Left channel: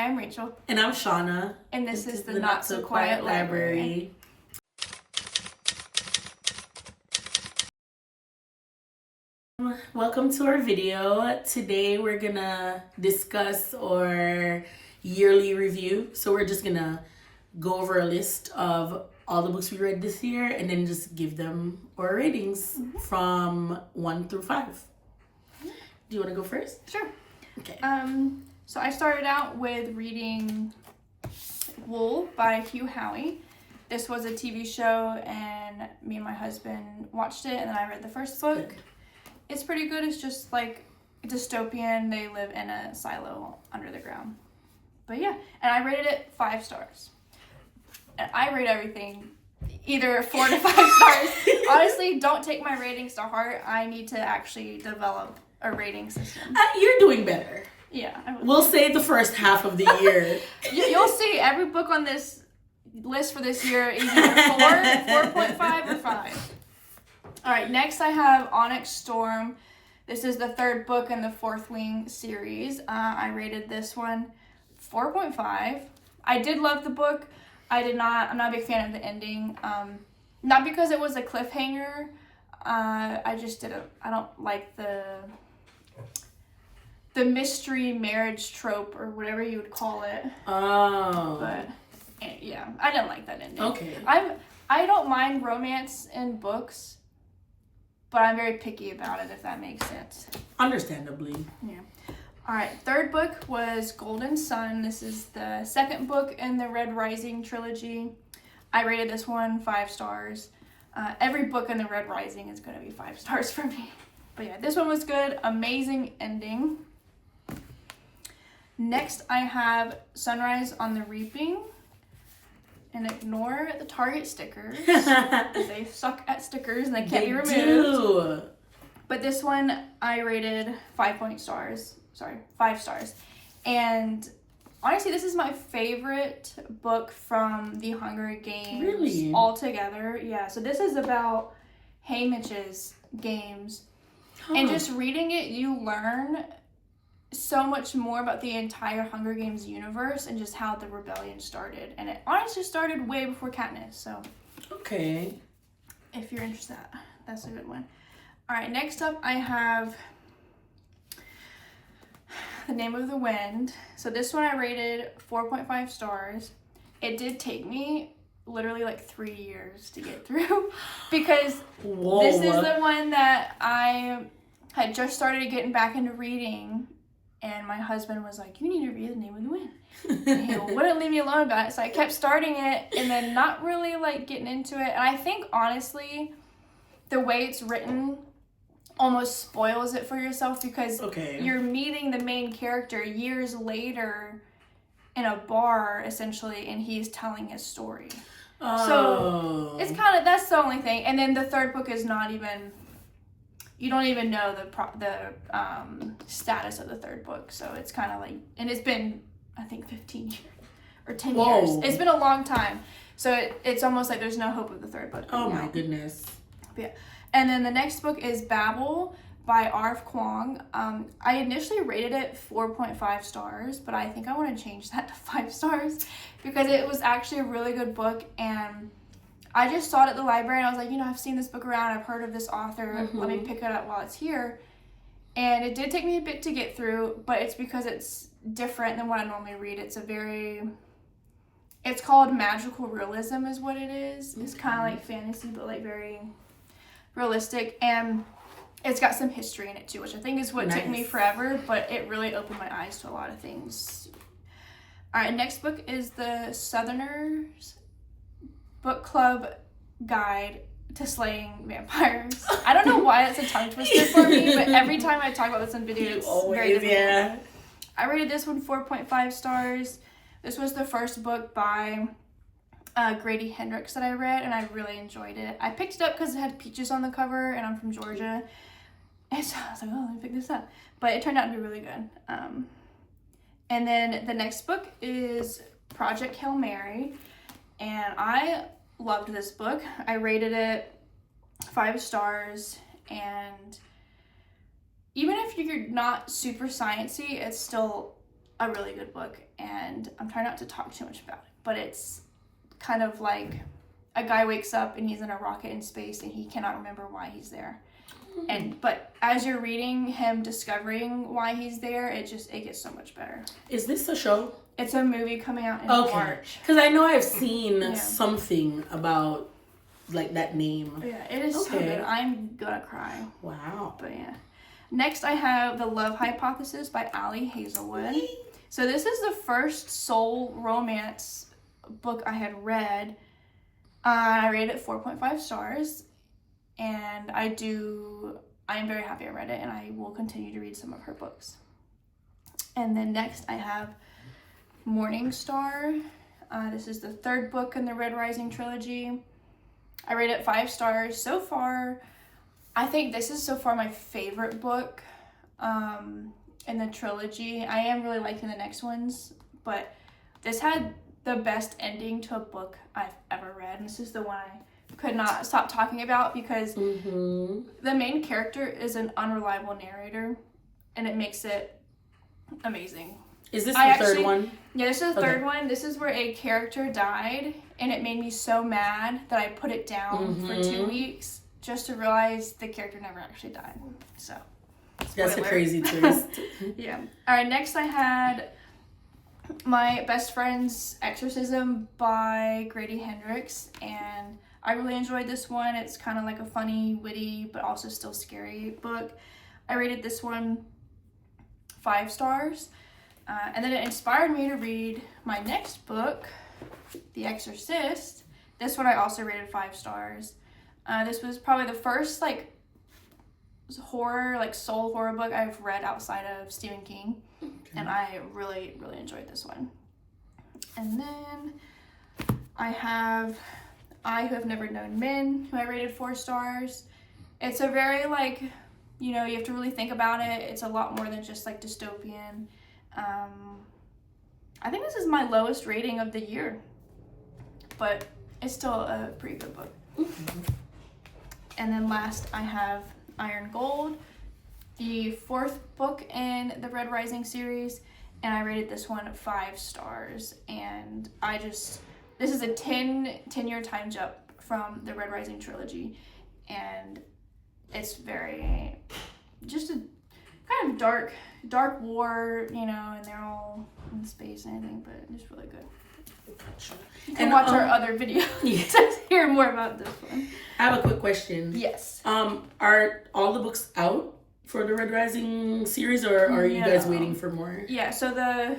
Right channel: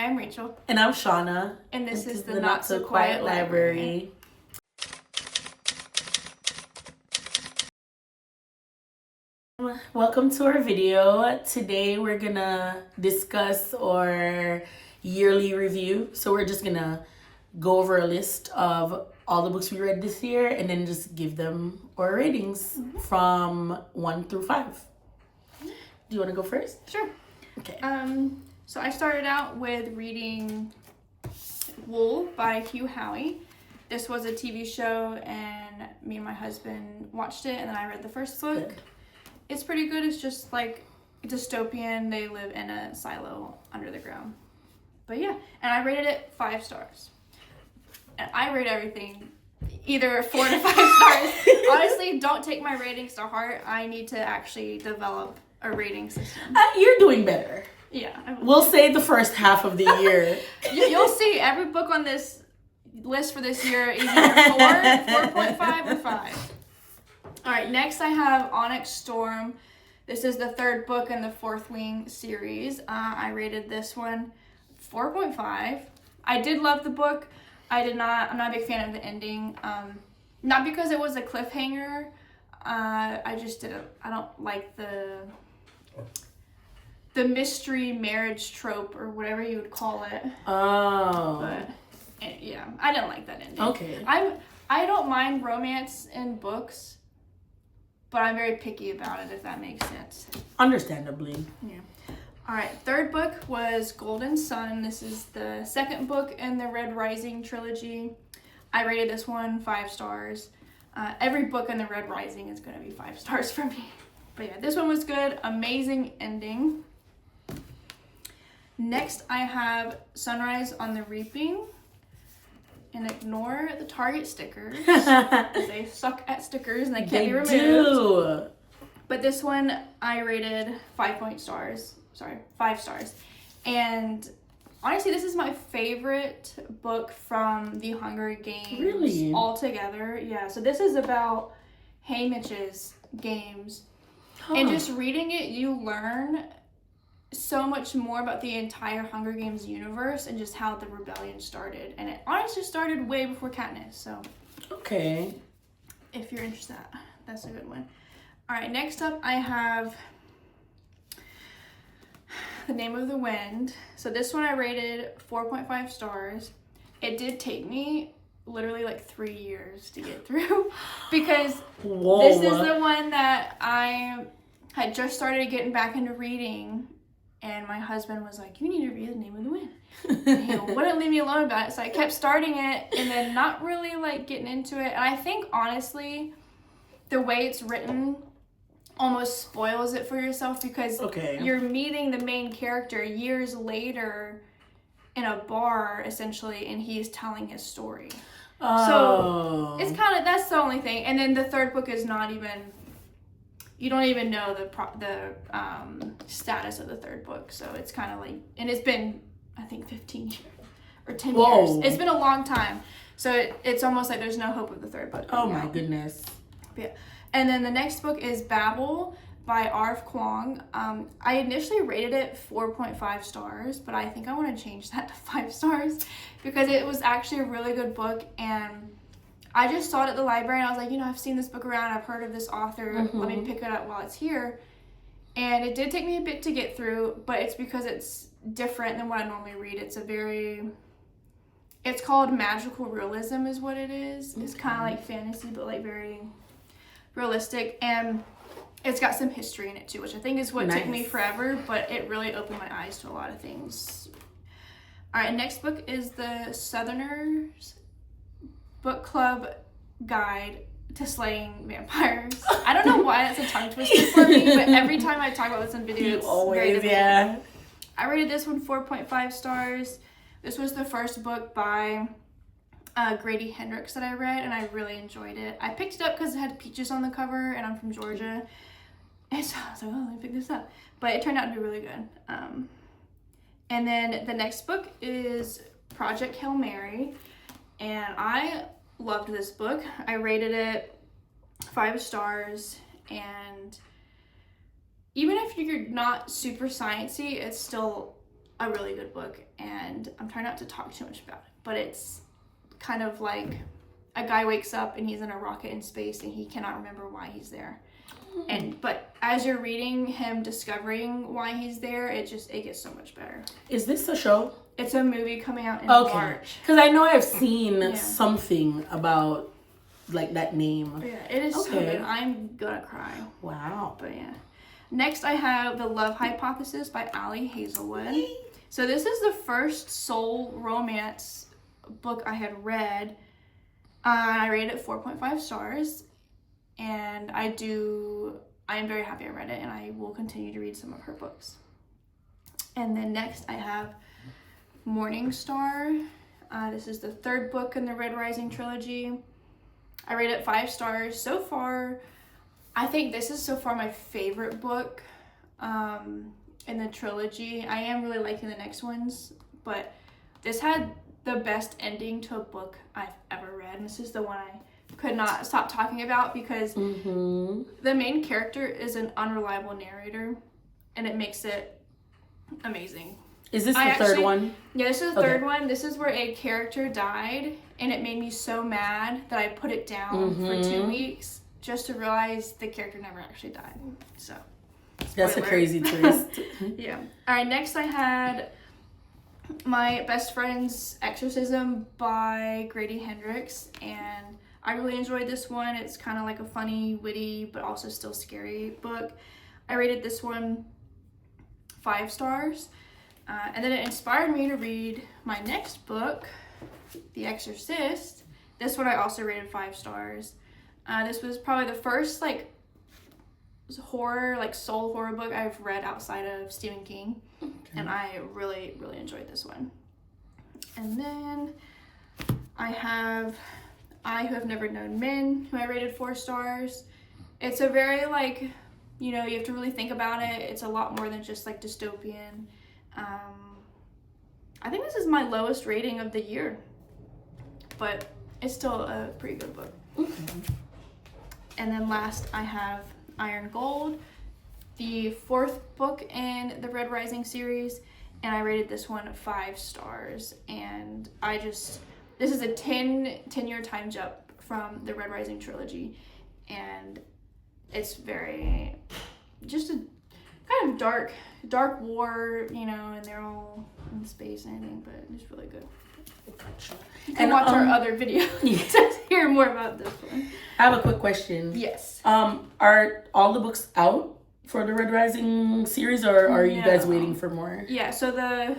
Hi, I'm Rachel. And I'm Shauna. And this is the Not So Quiet Library. Welcome to our video. Today we're gonna discuss our yearly review. So we're just gonna go over a list of all the books we read this year and then just give them our ratings from 1 through 5. Do you want to go first? Sure. Okay. So I started out with reading Wool by Hugh Howey. This was a TV show and me and my husband watched it and then I read the first book. Good. It's pretty good. It's just like dystopian. They live in a silo under the ground. But yeah, and I rated it 5 stars. And I rate everything either 4 to 5 stars. Honestly, don't take my ratings to heart. I need to actually develop a rating system. You're doing better. Yeah. We'll say the first half of the year. You'll see every book on this list for this year is either 4.5, or 5. All right, next I have Onyx Storm. This is the 3rd book in the Fourth Wing series. I rated this one 4.5. I did love the book. I'm not a big fan of the ending. Not because it was a cliffhanger. I don't like the mystery marriage trope or whatever you would call it. Oh. But yeah, I didn't like that ending. Okay. I don't mind romance in books, but I'm very picky about it, if that makes sense. Understandably. Yeah. All right, 3rd book was Golden Sun. This is the 2nd book in the Red Rising trilogy. I rated this one 5 stars. Every book in the Red Rising is going to be 5 stars for me. But yeah, this one was good. Amazing ending. Next, I have Sunrise on the Reaping. And ignore the Target stickers. They suck at stickers and they can't be removed. Do. But this one I rated 5 stars. And honestly, this is my favorite book from the Hunger Games. Really? Altogether. Yeah. So this is about Haymitch's games. And just reading it, you learn so much more about the entire Hunger Games universe and just how the rebellion started. And it honestly started way before Katniss, so. Okay. If you're interested, that's a good one. All right, next up I have The Name of the Wind. So this one I rated 4.5 stars. It did take me literally like 3 years to get through because this is the one that I had just started getting back into reading. And my husband was like, you need to read The Name of the Wind. And he wouldn't leave me alone about it. So I kept starting it and then not really like getting into it. And I think honestly, the way it's written almost spoils it for yourself because you're meeting the main character years later in a bar essentially and he's telling his story. So it's kind of, that's the only thing. And then the 3rd book is not even, you don't even know the status of the 3rd book. So it's kind of like, and it's been, I think 15 years or 10 years. It's been a long time. So it's almost like there's no hope of the 3rd book. Oh my goodness. Yeah. And then the next book is Babel by R.F. Kuang. I initially rated it 4.5 stars, but I think I want to change that to 5 stars because it was actually a really good book. And I just saw it at the library and I was like, I've seen this book around. I've heard of this author. Let me pick it up while it's here. And it did take me a bit to get through, but it's because it's different than what I normally read. It's called magical realism is what it is. It's kind of like fantasy, but like very realistic. And it's got some history in it too, which I think is what took me forever, but it really opened my eyes to a lot of things. All right, next book is the Southerners Book Club Guide to Slaying Vampires. I don't know why it's a tongue twister for me, but every time I talk about this in videos, it's very difficult. Yeah. I rated this one 4.5 stars. This was the first book by Grady Hendrix that I read, and I really enjoyed it. I picked it up because it had peaches on the cover, and I'm from Georgia. And so I was like, let me pick this up. But it turned out to be really good. And then the next book is Project Hail Mary. And I loved this book. I rated it 5 stars. And even if you're not super sciencey, it's still a really good book, and I'm trying not to talk too much about it, but it's kind of like a guy wakes up and he's in a rocket in space and he cannot remember why he's there. But as you're reading him discovering why he's there, it gets so much better. Is this a show? It's a movie coming out in March. Because I know I've seen something about like that name. Yeah, it is so good. I'm gonna cry. Wow. But yeah. Next I have The Love Hypothesis by Ali Hazelwood. So this is the first soul romance book I had read. I rated it 4.5 stars. And I am very happy I read it, and I will continue to read some of her books. And then next I have Morning Star. This is the third book in the Red Rising trilogy. I rated it 5 stars. So far, I think this is so far my favorite book in the trilogy. I am really liking the next ones, but this had the best ending to a book I've ever read. And this is the one I could not stop talking about because the main character is an unreliable narrator, and it makes it amazing. Is this the third one? Yeah, this is the third one. This is where a character died, and it made me so mad that I put it down for 2 weeks just to realize the character never actually died. So that's a crazy twist. Yeah. All right, next I had My Best Friend's Exorcism by Grady Hendrix, and I really enjoyed this one. It's kind of like a funny, witty, but also still scary book. I rated this one 5 stars. And then it inspired me to read my next book, The Exorcist. This one I also rated 5 stars. This was probably the first horror, soul horror book I've read outside of Stephen King. Okay. And I really, really enjoyed this one. And then I have I Who Have Never Known Men, who I rated 4 stars. It's a very, you have to really think about it. It's a lot more than just, dystopian. I think this is my lowest rating of the year, but it's still a pretty good book. Mm-hmm. And then last, I have Iron Gold, the 4th book in the Red Rising series, and I rated this one 5 stars. And this is a 10-year time jump from the Red Rising trilogy, and it's very, just a kind of dark war, and they're all in space and everything, but it's really good. You can watch our other videos to hear more about this one. I have a quick question. Yes. Are all the books out for the Red Rising series, or are you guys waiting for more? Yeah, so the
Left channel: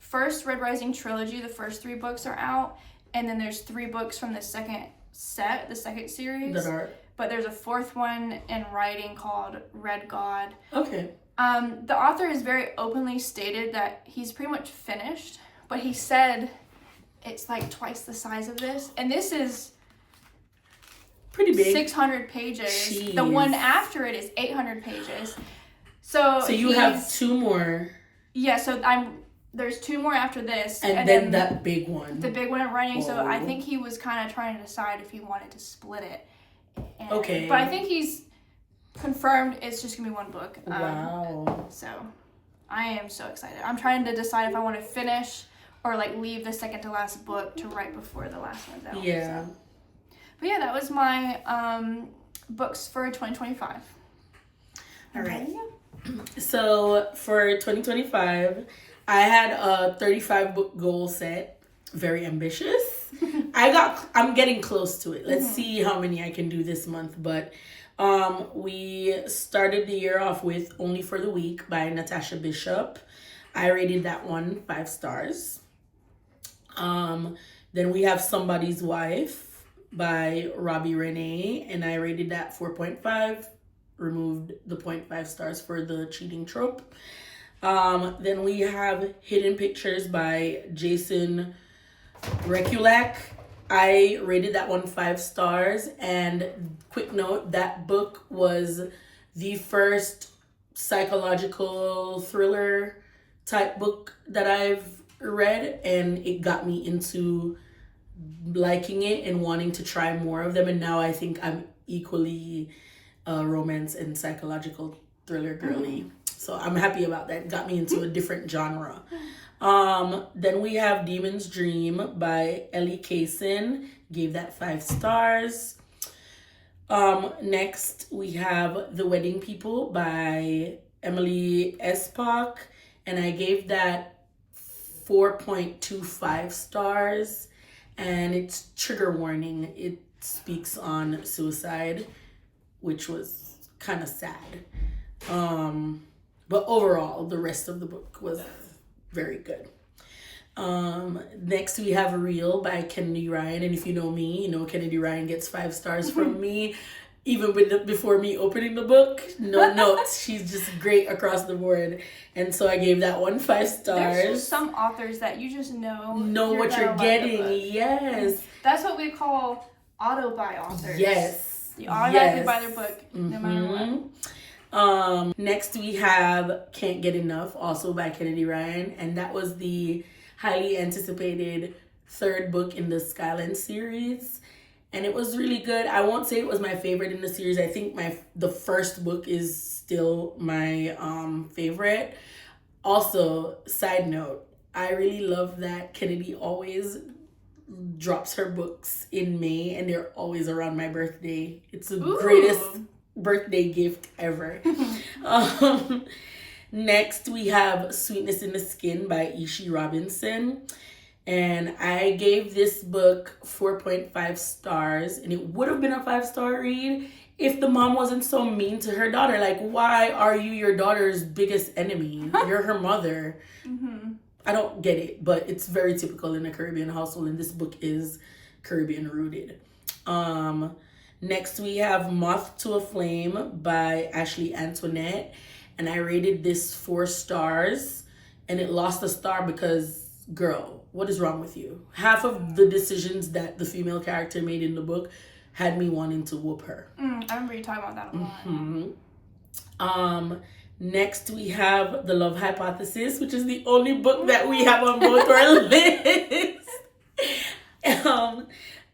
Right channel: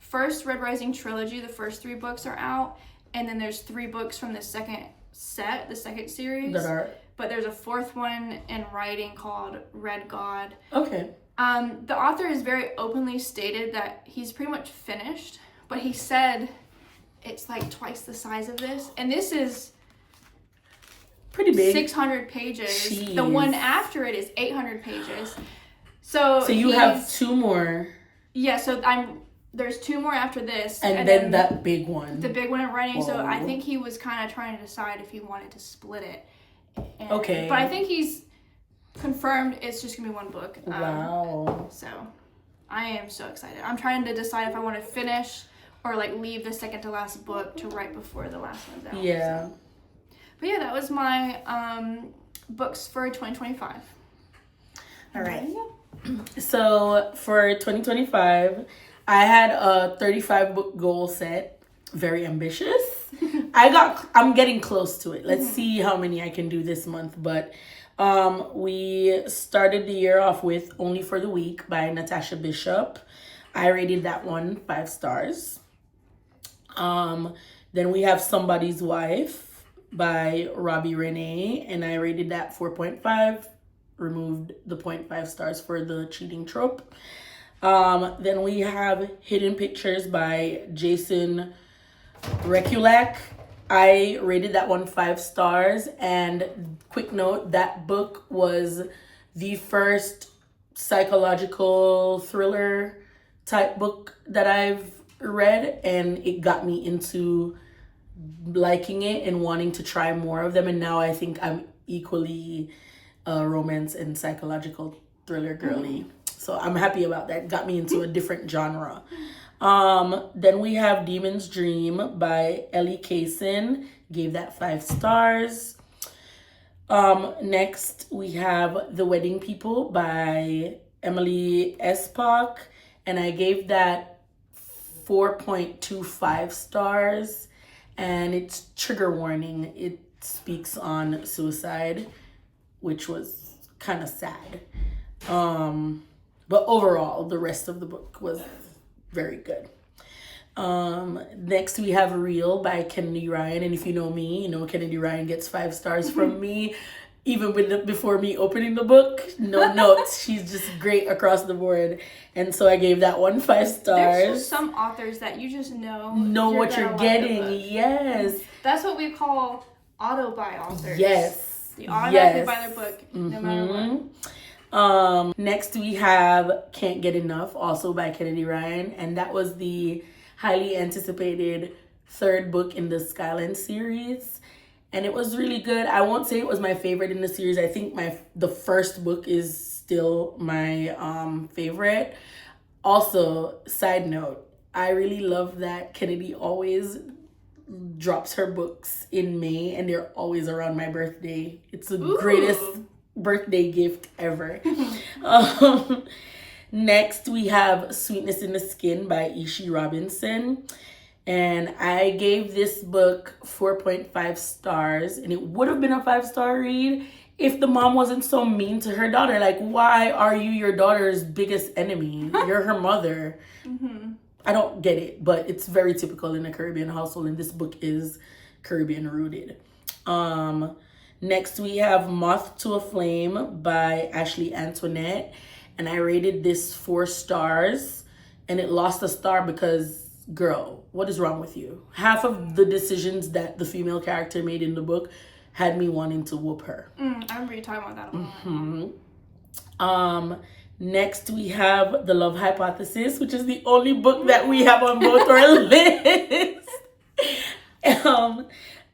first Red Rising trilogy, the first 3 books are out, and then there's 3 books from the second set, the second series. That are. But there's a 4th one in writing called Red God. Okay. The author has very openly stated that he's pretty much finished, but he said it's twice the size of this, and this is pretty big, 600 pages. Jeez. The one after it is 800 pages. So you have 2 more. Yeah, so there's 2 more after this, and then that big one, the big one in writing. Whoa. So I think he was kind of trying to decide if he wanted to split it. Okay, but I think he's confirmed it's just gonna be 1 book. Wow. So I am so excited. I'm trying to decide if I want to finish or leave the second to last book to right before the last one's out. Yeah. So. But yeah, that was my books for 2025. All right. So for 2025, I had a 35 book goal set. Very ambitious. I'm getting close to it. Let's see how many I can do this month. But we started the year off with Only for the Week by Natasha Bishop. I rated that one 5 stars. Then we have Somebody's Wife by Robbie Renee, and I rated that 4.5. Removed the 0.5 stars for the cheating trope. Then we have Hidden Pictures by Jason Rekulak. I rated that one 5 stars, and quick note, that book was the first psychological thriller type book that I've read, and it got me into liking it and wanting to try more of them, and now I think I'm equally romance and psychological thriller girly. So I'm happy about that. It got me into a different genre. Then we have Demon's Dream by Ellie Kaysen. Gave that 5 stars. Next we have The Wedding People by Emily Espak, and I gave that 4.25 stars. And it's trigger warning. It speaks on suicide, which was kind of sad. But overall, the rest of the book was very good. Next we have Real by Kennedy Ryan, and if you know me, you know Kennedy Ryan gets 5 stars from me, even before me opening the book. No notes. She's just great across the board, and so I gave that one 5 stars. There's some authors that you just know what you're getting. Yes, that's what we call auto-buy authors. Yes, you automatically buy their book no matter what. Next we have Can't Get Enough, also by Kennedy Ryan, and that was the highly anticipated 3rd book in the Skyland series, and it was really good. I won't say it was my favorite in the series. I think the first book is still my favorite. Also, side note, I really love that Kennedy always drops her books in May, and they're always around my birthday. It's the greatest birthday gift ever. Next we have Sweetness in the Skin by Ishi Robinson, and I gave this book 4.5 stars, and it would have been a 5-star read if the mom wasn't so mean to her daughter. Like, why are you your daughter's biggest enemy? You're her mother. I don't get it, but it's very typical in a Caribbean household, and this book is Caribbean rooted. Next we have Moth to a Flame by Ashley Antoinette, and I rated this 4 stars, and it lost a star because, girl, what is wrong with you? Half of the decisions that the female character made in the book had me wanting to whoop her. I remember you talking about that a lot. Next we have The Love Hypothesis, which is the only book that we have on both our lists.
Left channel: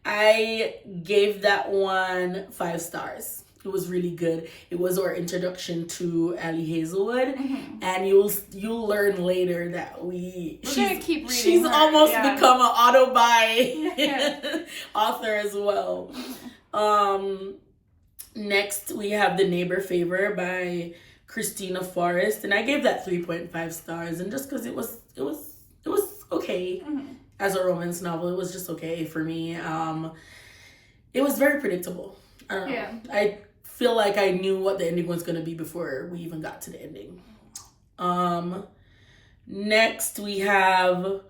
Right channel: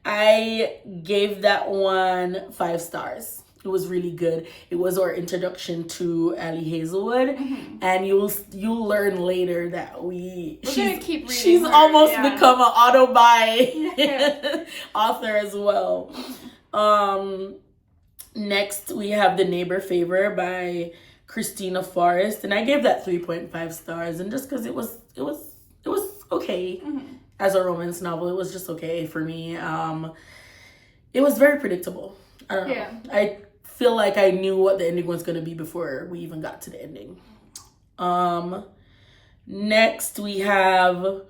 I gave that one 5 stars. It was really good. It was our introduction to Ali Hazelwood, and you'll learn later that we're gonna keep reading. She's almost become an auto-buy author as well. Next we have The Neighbor Favor by Christina Forrest, and I gave that 3.5 stars, and just because it was okay as a romance novel, it was just okay for me. It was very predictable. I don't know. I feel like I knew what the ending was going to be before we even got to the ending. Next we have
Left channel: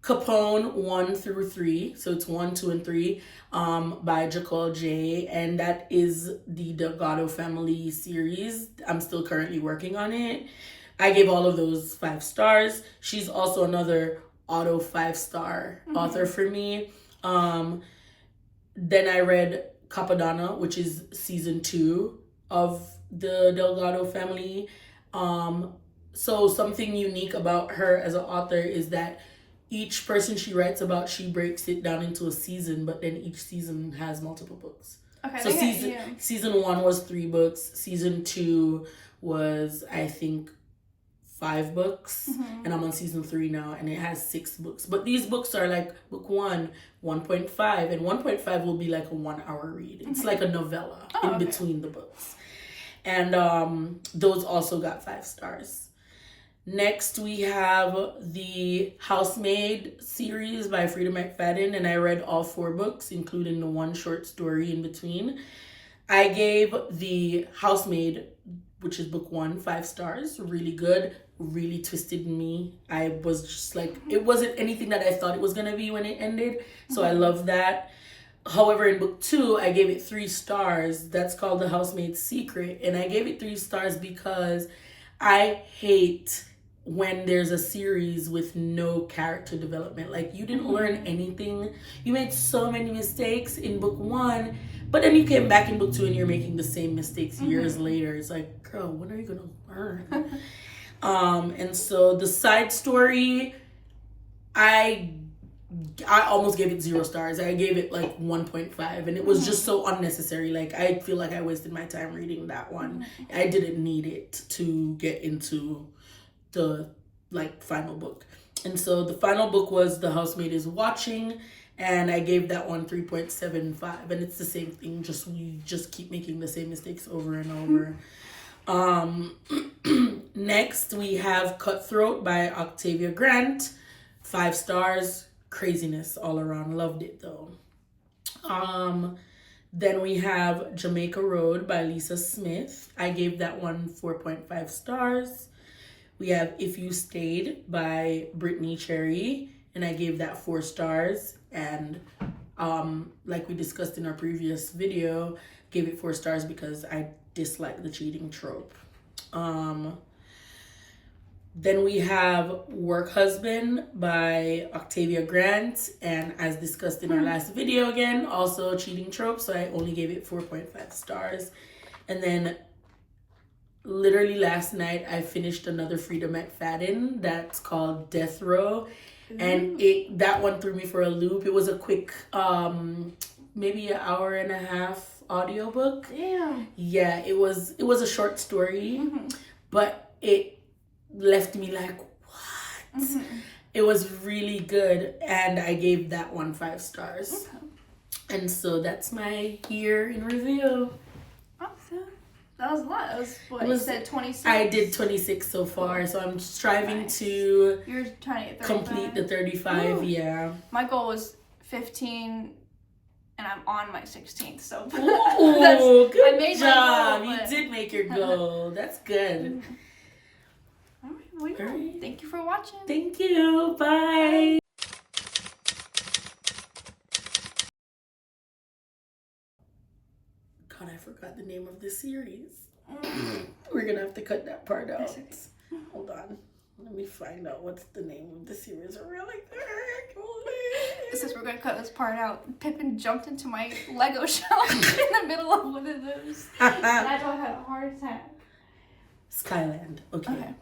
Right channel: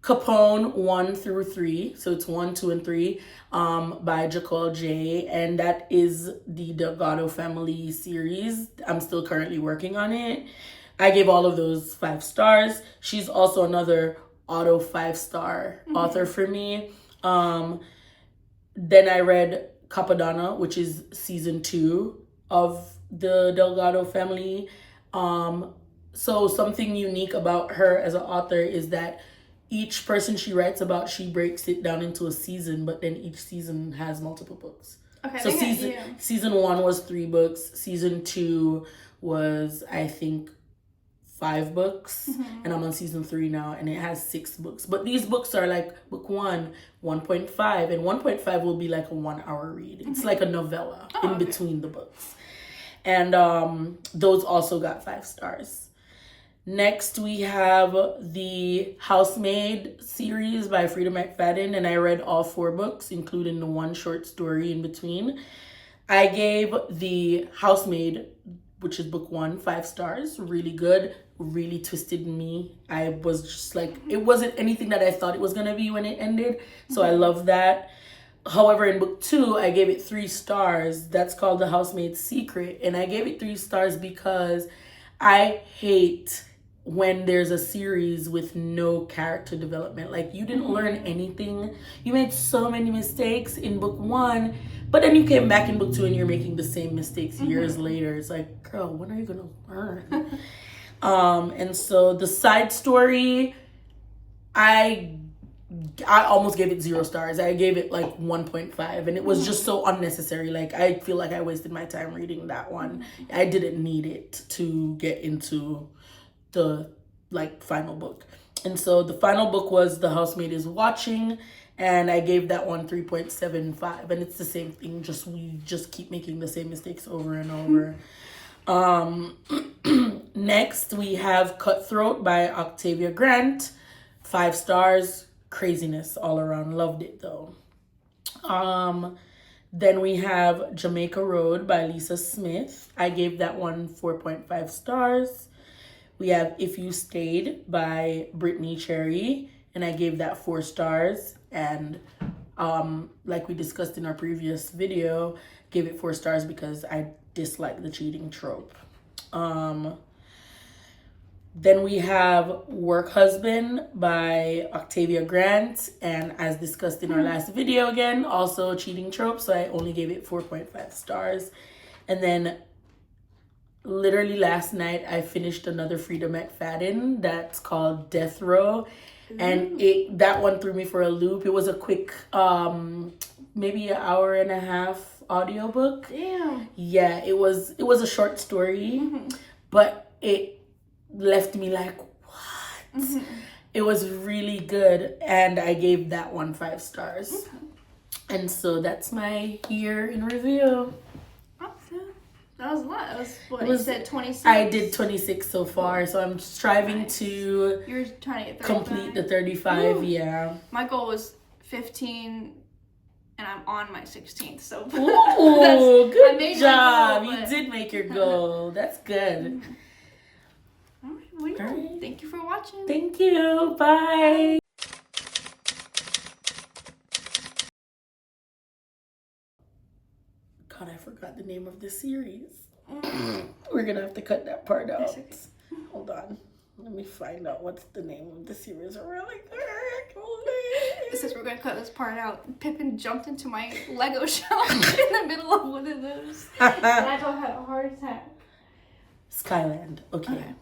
Capone 1 through 3. So it's 1, 2, and 3 by Jacole J. And that is the Delgado family series. I'm still currently working on it. I gave all of those 5 stars. She's also another auto 5-star author for me. Then I read Capadonna, which is season 2 of the Delgado family. So something unique about her as an author is that each person she writes about, she breaks it down into a season, but then each season has multiple books. Okay. So season 1 was 3 books. Season 2 was, I think, 5 books, and I'm on season 3 now, and it has 6 books. But these books are like book 1, 1.5, and 1.5 will be like a 1-hour read. It's like a novella between the books. And those also got 5 stars. Next, we have the Housemaid series by Frida McFadden, and I read all 4 books, including the 1 short story in between. I gave the Housemaid, which is book 1, 5 stars. Really good, really twisted me. I was just like, it wasn't anything that I thought it was going to be when it ended, so I love that. However, in book 2, I gave it 3 stars. That's called The Housemaid's Secret, and I gave it 3 stars because I hate when there's a series with no character development. Like, you didn't learn anything. You made so many mistakes in book 1, but then you came back in book 2 and you're making the same mistakes years later. It's like, girl, when are you gonna learn? And so the side story, I I almost gave it 0 stars. I gave it like 1.5, and it was just so unnecessary. Like, I feel like I wasted my time reading that one. I didn't need it to get into the like final book. And so the final book was The Housemaid is Watching, and I gave that one 3.75, and it's the same thing. Just we just keep making the same mistakes over and over. Next we have Cutthroat by Octavia Grant. 5 stars. Craziness all around. Loved it though. Then we have Jamaica Road by Lisa Smith. I gave that one 4.5 stars. We have If You Stayed by Brittany Cherry, and I gave that 4 stars. And like we discussed in our previous video, gave it 4 stars because I dislike the cheating trope. Then we have Work Husband by Octavia Grant, and as discussed in our last video, again, also cheating trope, so I only gave it 4.5 stars. And then literally last night I finished another Frida McFadden that's called Death Row, and that one threw me for a loop. It was a quick maybe an hour and a half audiobook. Damn. Yeah, it was a short story, but it left me like, what? It was really good, and I gave that one 5 stars. And so that's my year in review. Awesome. That was what? That was what? It You was- said 26? I did 26 so far, so I'm striving to You were trying to get 35? complete the 35. Woo. Yeah. My goal was 15, and I'm on my 16th, so Ooh, I good made my job. goal, You but- did make your goal. That's good. All right, well, yeah. Alright. Thank you for watching. Thank you. Bye. God, I forgot the name of the series. We're gonna have to cut that part out. okay. Hold on. Let me find out what's the name of the series really quick. Since we're gonna cut this part out, Pippin jumped into my Lego shelf in the middle of one of those, and I thought I had a heart attack. Skyland. Okay.